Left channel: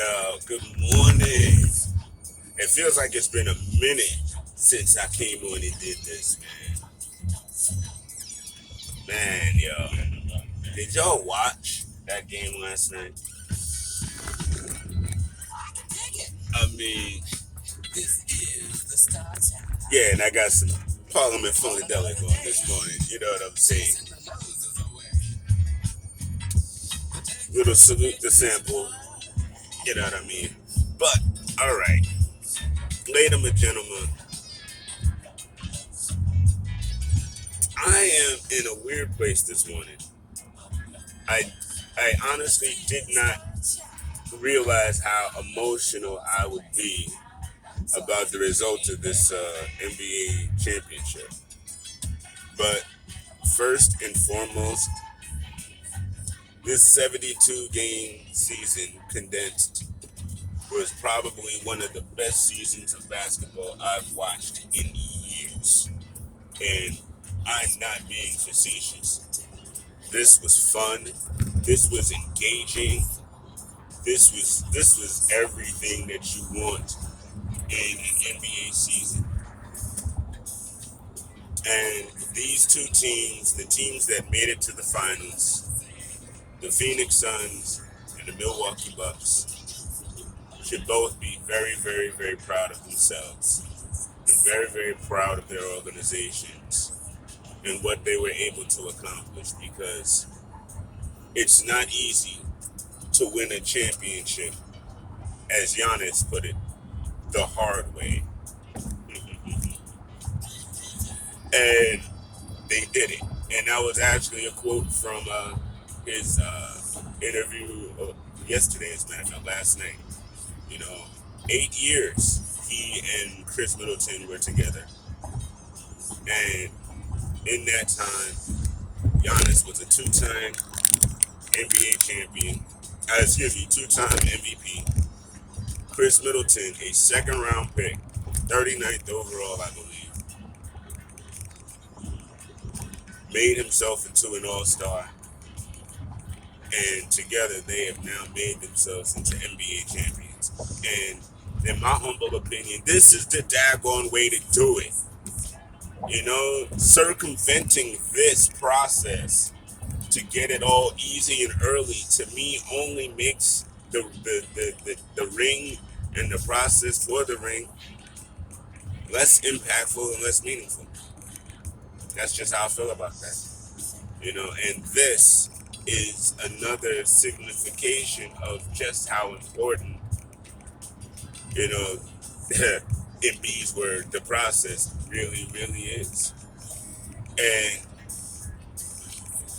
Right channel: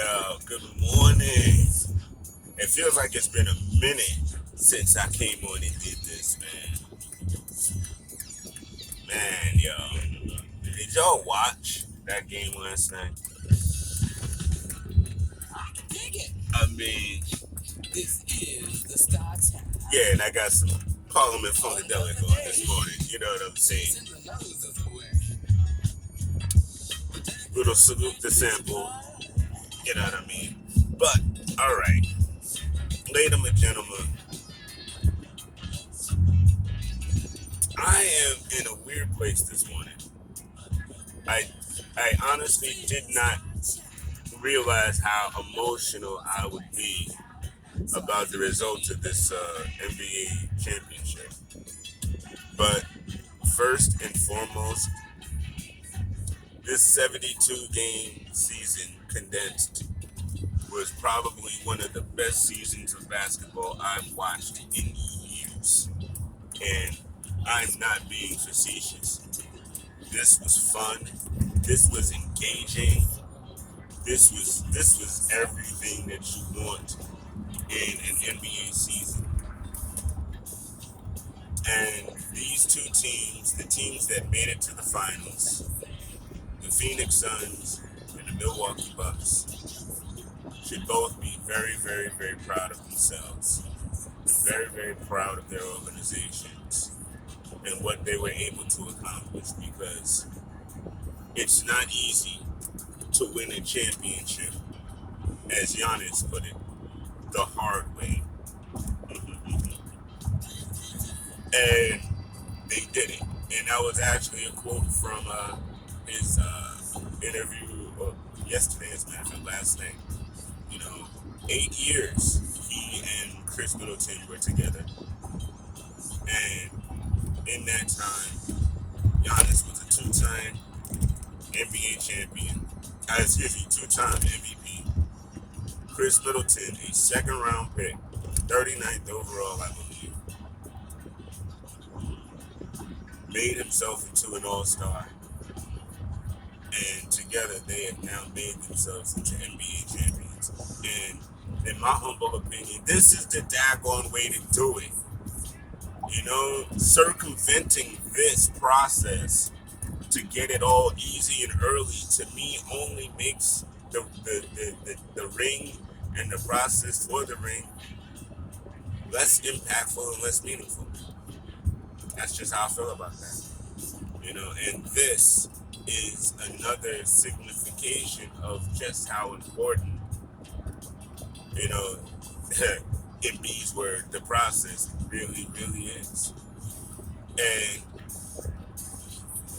Yeah, good morning. It feels like it's been a minute since I came on and did this, man. Man, yo. Did y'all watch that game last night? I mean, yeah, and I got some Parliament Funkadelic on this morning. You know what I'm saying? Little salute the sample. You know what I mean? But, alright. Ladies and gentlemen, I am in a weird place this morning. I honestly did not realize how emotional I would be about the results of this NBA championship. But first and foremost, this 72 game season condensed was probably one of the best seasons of basketball I've watched in years. And I'm not being facetious. This was fun. This was engaging. This was everything that you want in an NBA season. And these two teams, the teams that made it to the finals, the Phoenix Suns and the Milwaukee Bucks, should both be very, very, very proud of themselves and very, very proud of their organizations and what they were able to accomplish, because it's not easy to win a championship, as Giannis put it, the hard way. And they did it. And that was actually a quote from his interview yesterday, as a matter of fact, last night. 8 years he and Chris Middleton were together. And in that time, Giannis was a two-time NBA champion. Two-time MVP. Chris Middleton, a second-round pick, 39th overall, I believe, made himself into an all-star. And together, they have now made themselves into NBA champions. And in my humble opinion, this is the daggone way to do it. Circumventing this process to get it all easy and early, to me, only makes the ring and the process for the ring less impactful and less meaningful. That's just how I feel about that. And this is another signification of just how important, in B's word, the process really, really is. And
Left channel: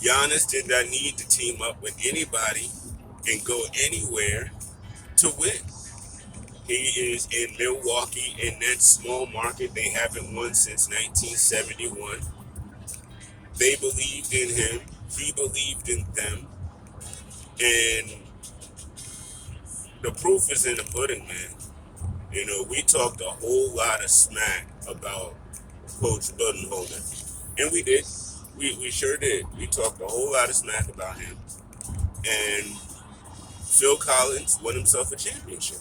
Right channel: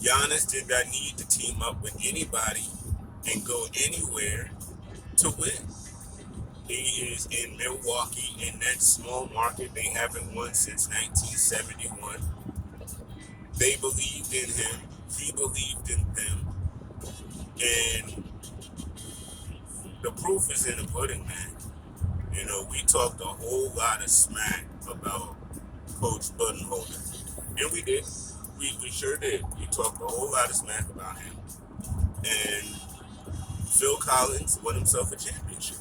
Giannis did not need to team up with anybody and go anywhere to win. He is in Milwaukee, in that small market. They haven't won since 1971. They believed in him. He believed in them. And the proof is in the pudding, man. We talked a whole lot of smack about Coach Budenholzer. And we did. We sure did. We talked a whole lot of smack about him. And Phil Collins won himself a championship.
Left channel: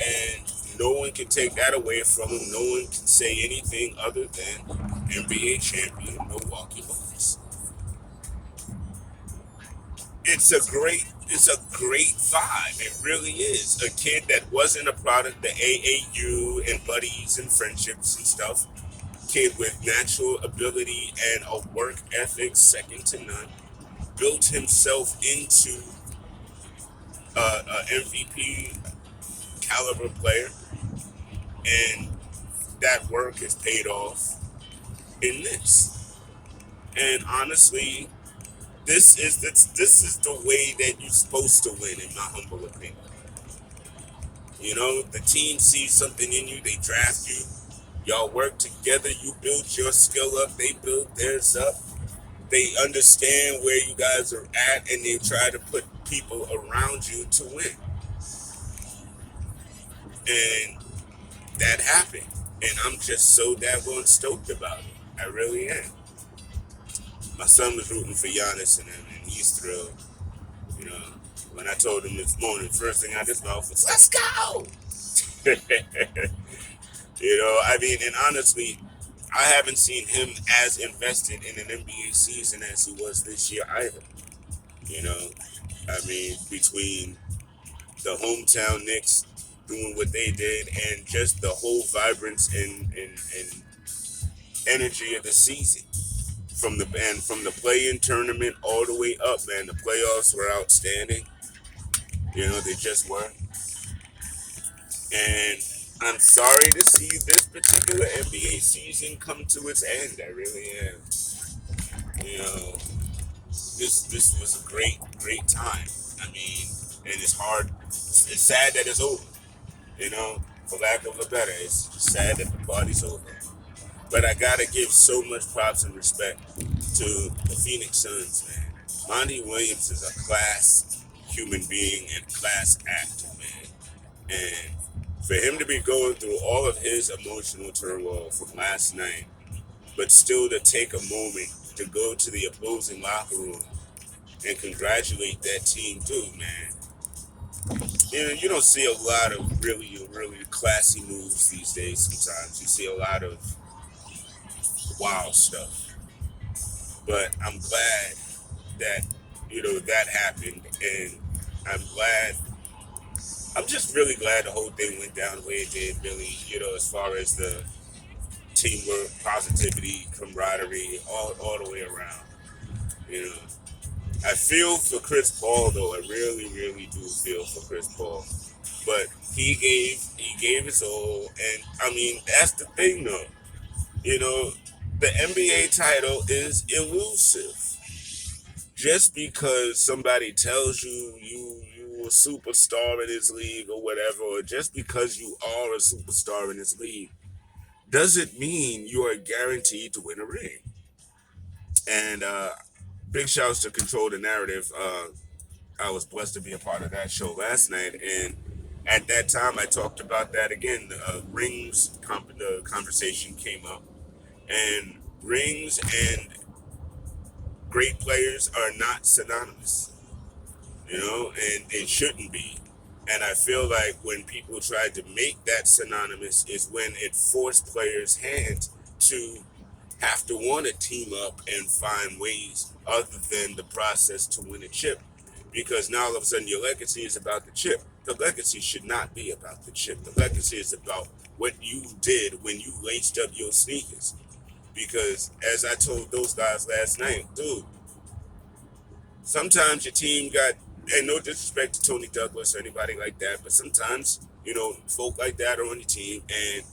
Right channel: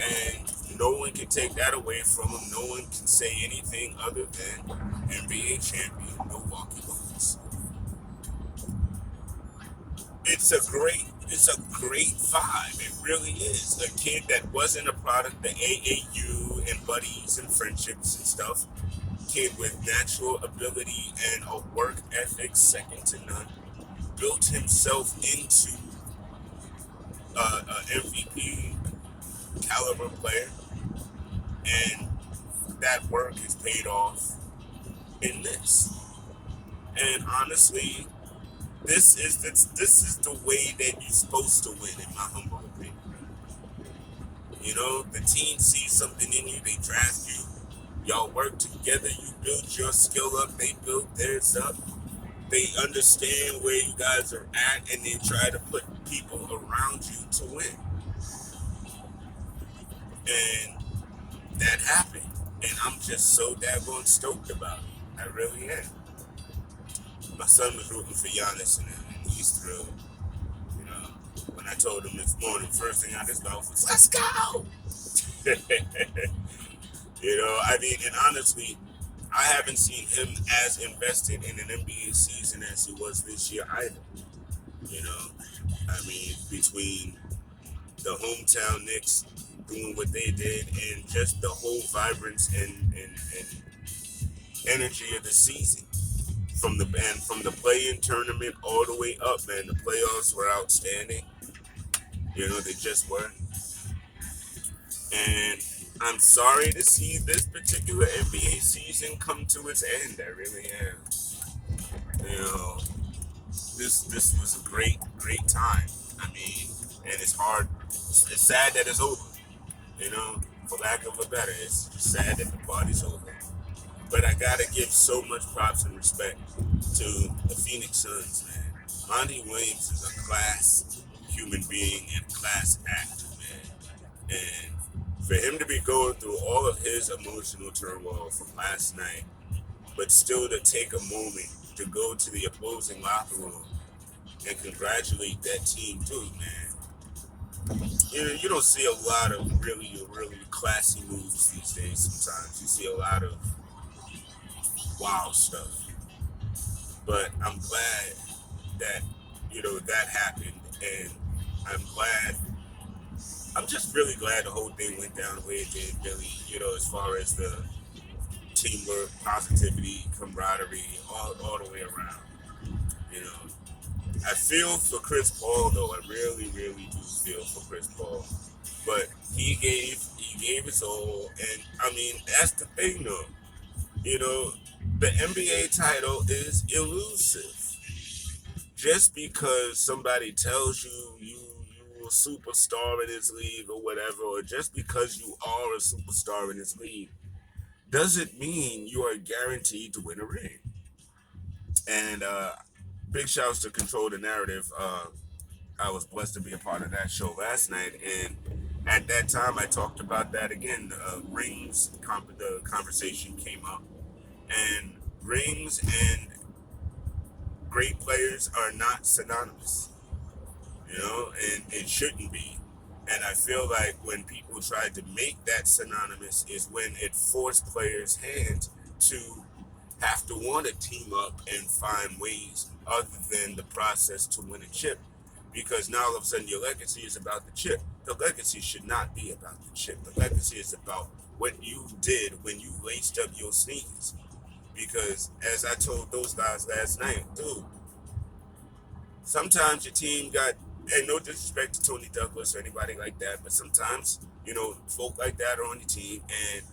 And no one can take that away from him. No one can say anything other than NBA champion Milwaukee Bucks. It's a great vibe. It really is. A kid that wasn't a product of the AAU and buddies and friendships and stuff. Kid with natural ability and a work ethic second to none. Built himself into a MVP caliber player. And that work has paid off in this. And honestly, this is the way that you're supposed to win, in my humble opinion. The team sees something in you, they draft you. Y'all work together, you build your skill up, they build theirs up. They understand where you guys are at, and they try to put people around you to win. And that happened. And I'm just so daggone stoked about it. I really am. My son was rooting for Giannis and him, and he's thrilled. When I told him this morning, first thing out his mouth was, "Let's go." I mean, and honestly, I haven't seen him as invested in an NBA season as he was this year either. You know, I mean, between the hometown Knicks doing what they did and just the whole vibrance and energy of the season from the play-in tournament all the way up, man, the playoffs were outstanding. They just were. And I'm sorry to see this particular NBA season come to its end. I really am. You know, this was a great time. I mean, and it's hard. It's sad that it's over. For lack of a better, it's just sad that the party's over. But I gotta give so much props and respect to the Phoenix Suns, man. Monty Williams is a class human being and a class actor, man. And for him to be going through all of his emotional turmoil from last night, but still to take a moment to go to the opposing locker room and congratulate that team too, man. You don't see a lot of really classy moves these days sometimes. You see a lot of wild stuff. But I'm glad that, that happened. And I'm just really glad the whole thing went down the way it did, Billy, as far as the teamwork, positivity, camaraderie, all the way around. You know, I feel for Chris Paul though. I really do feel for Chris Paul. But he gave his all, and I mean that's the thing though. The NBA title is elusive. Just because somebody tells you a superstar in this league or whatever, or just because you are a superstar in this league, doesn't mean you are guaranteed to win a ring. And big shouts to Control the Narrative. I was blessed to be a part of that show last night, and at that time I talked about that again. The conversation came up, and rings and great players are not synonymous, and it shouldn't be. And I feel like when people tried to make that synonymous is when it forced players' hands to have to want to team up and find ways other than the process to win a chip. Because now all of a sudden your legacy is about the chip. The legacy should not be about the chip. The legacy is about what you did when you laced up your sneakers. Because as I told those guys last night, dude, sometimes your team got, and no disrespect to Tony Douglas or anybody like that, but sometimes, folk like that are on your team and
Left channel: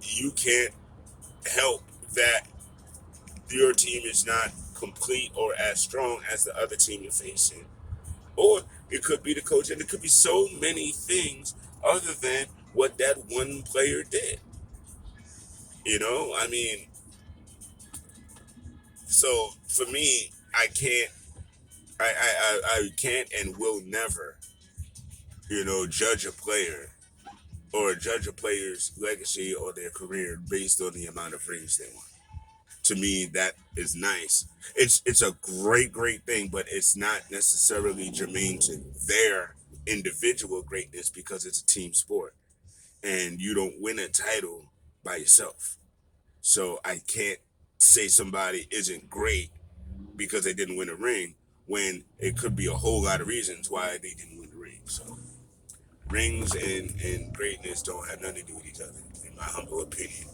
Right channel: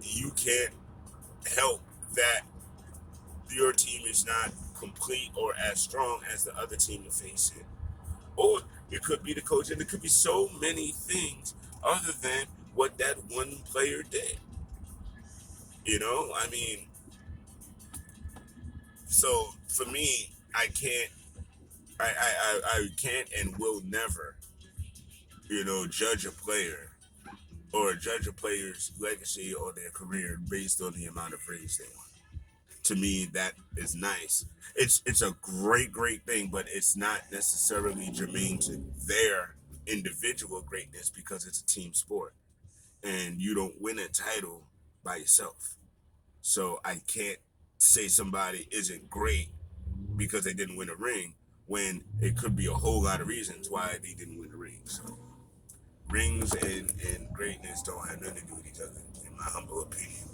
you can't help that your team is not complete or as strong as the other team you're facing. Or it could be the coach, and it could be so many things other than what that one player did. I mean, so for me, I can't and will never, judge a player or judge a player's legacy or their career based on the amount of rings they won. To me, that is nice. It's a great thing, but it's not necessarily germane to their individual greatness because it's a team sport, and you don't win a title by yourself. So I can't say somebody isn't great because they didn't win a ring when it could be a whole lot of reasons why they didn't win a ring. So rings and greatness don't have nothing to do with each other, in my humble opinion.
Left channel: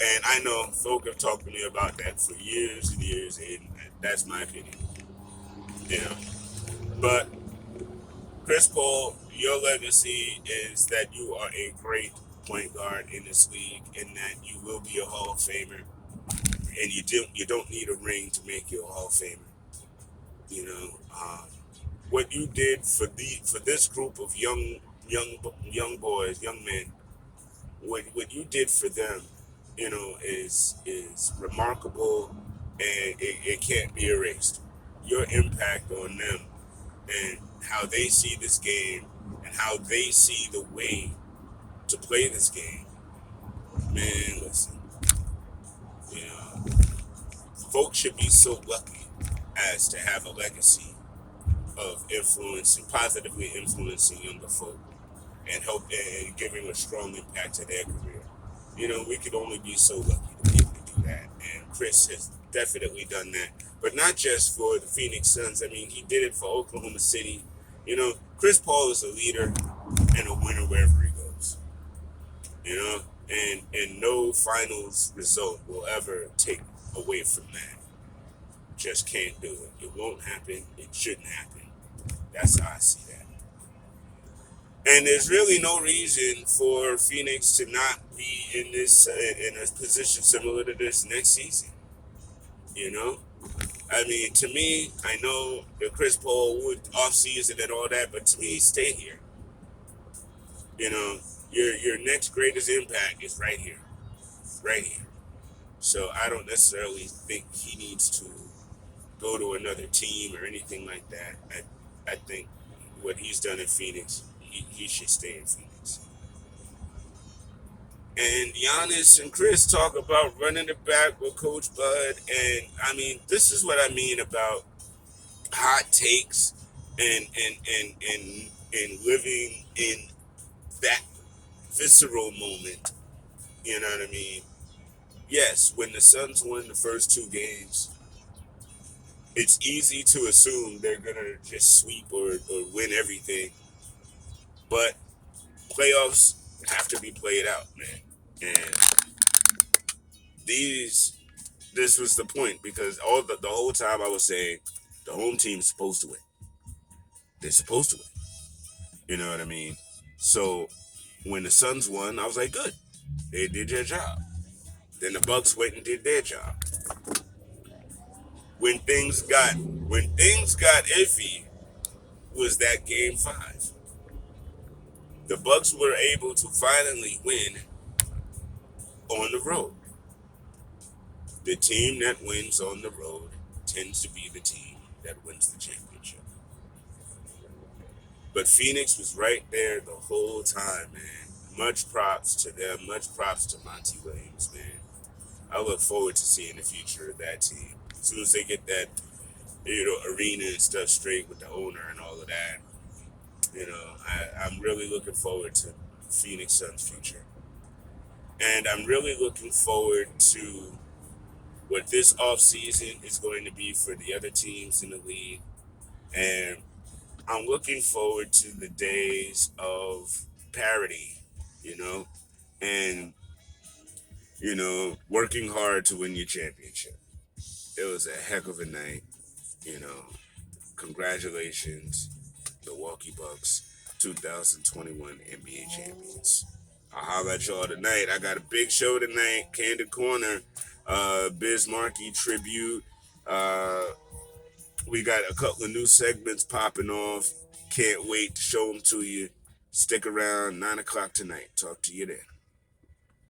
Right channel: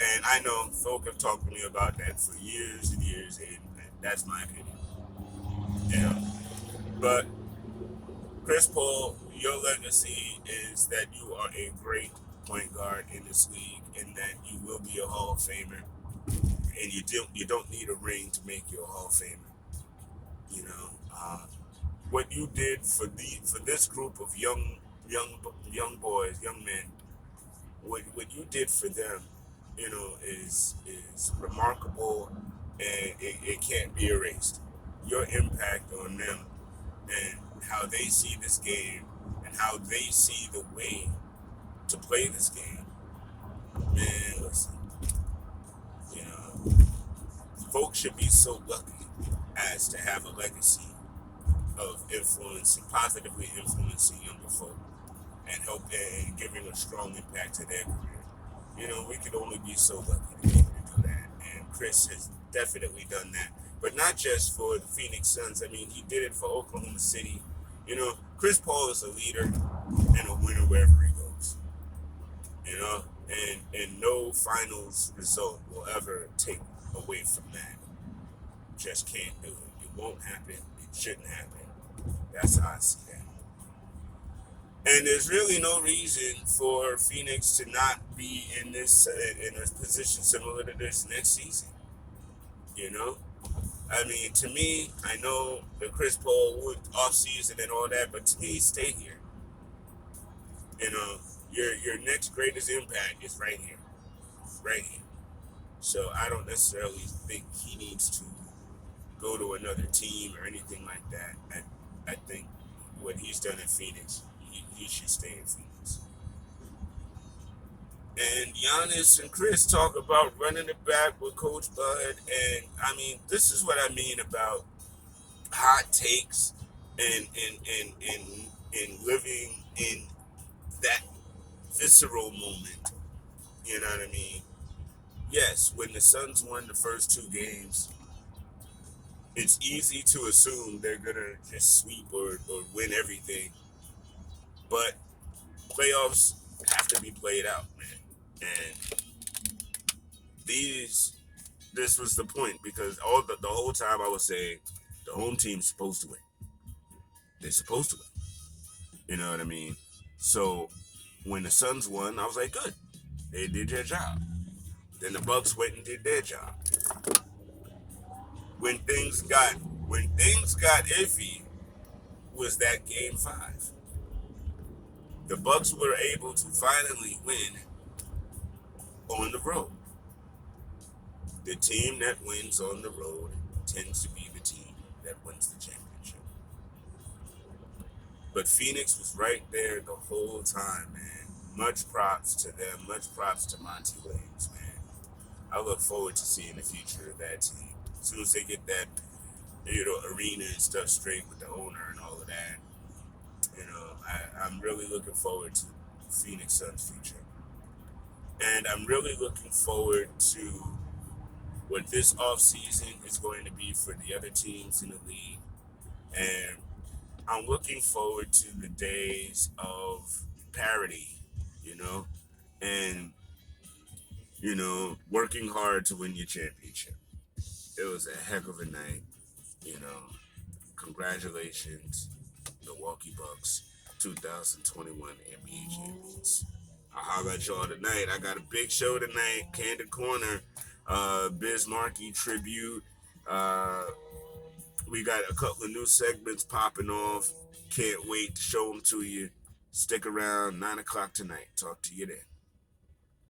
And I know folk have talked to me about that for years and years, and that's my opinion. But Chris Paul, your legacy is that you are a great point guard in this league, and that you will be a Hall of Famer. And you don't need a ring to make you a Hall of Famer. What you did for this group of young boys, young men, what you did for them, is remarkable, and it can't be erased. Your impact on them and how they see this game and how they see the way to play this game. Man, listen, you know, folks should be so lucky as to have a legacy of influencing, positively influencing younger folk and giving a strong impact to their career. We could only be so lucky to be able to do that. And Chris has definitely done that. But not just for the Phoenix Suns. I mean, he did it for Oklahoma City. Chris Paul is a leader and a winner wherever he goes. And no finals result will ever take away from that. Just can't do it. It won't happen. It shouldn't happen. That's how I see that. And there's really no reason for Phoenix to not be in a position similar to this next season. I mean, to me, I know that Chris Paul would off season and all that, but to me, stay here. Your next greatest impact is right here, right here. So I don't necessarily think he needs to go to another team or anything like that. I think what he's done in Phoenix, he should stay in Phoenix. And Giannis and Chris talk about running it back with Coach Bud. And I mean, this is what I mean about hot takes and living in that visceral moment. You know what I mean? Yes, when the Suns won the first two games, it's easy to assume they're gonna just sweep or win everything. But playoffs have to be played out, man. And this was the point, because the whole time I was saying the home team's supposed to win. They're supposed to win. You know what I mean? So when the Suns won, I was like, good. They did their job. Then the Bucks went and did their job. When things got iffy was that game 5. The Bucks were able to finally win on the road. The team that wins on the road tends to be the team that wins the championship. But Phoenix was right there the whole time, man. Much props to them. Much props to Monty Williams, man. I look forward to seeing the future of that team. As soon as they get that, arena and stuff straight with the owner and all of that, I'm really looking forward to Phoenix Suns' future. And I'm really looking forward to what this offseason is going to be for the other teams in the league. And I'm looking forward to the days of parity, and, working hard to win your championship. It was a heck of a night, Congratulations, Milwaukee Bucks, 2021 NBA champions. I'll holler at y'all tonight. I got a big show tonight, Candid Corner, Biz Markie tribute. We got a couple of new segments popping off. Can't wait to show them to you. Stick around, 9 o'clock tonight. Talk to you then.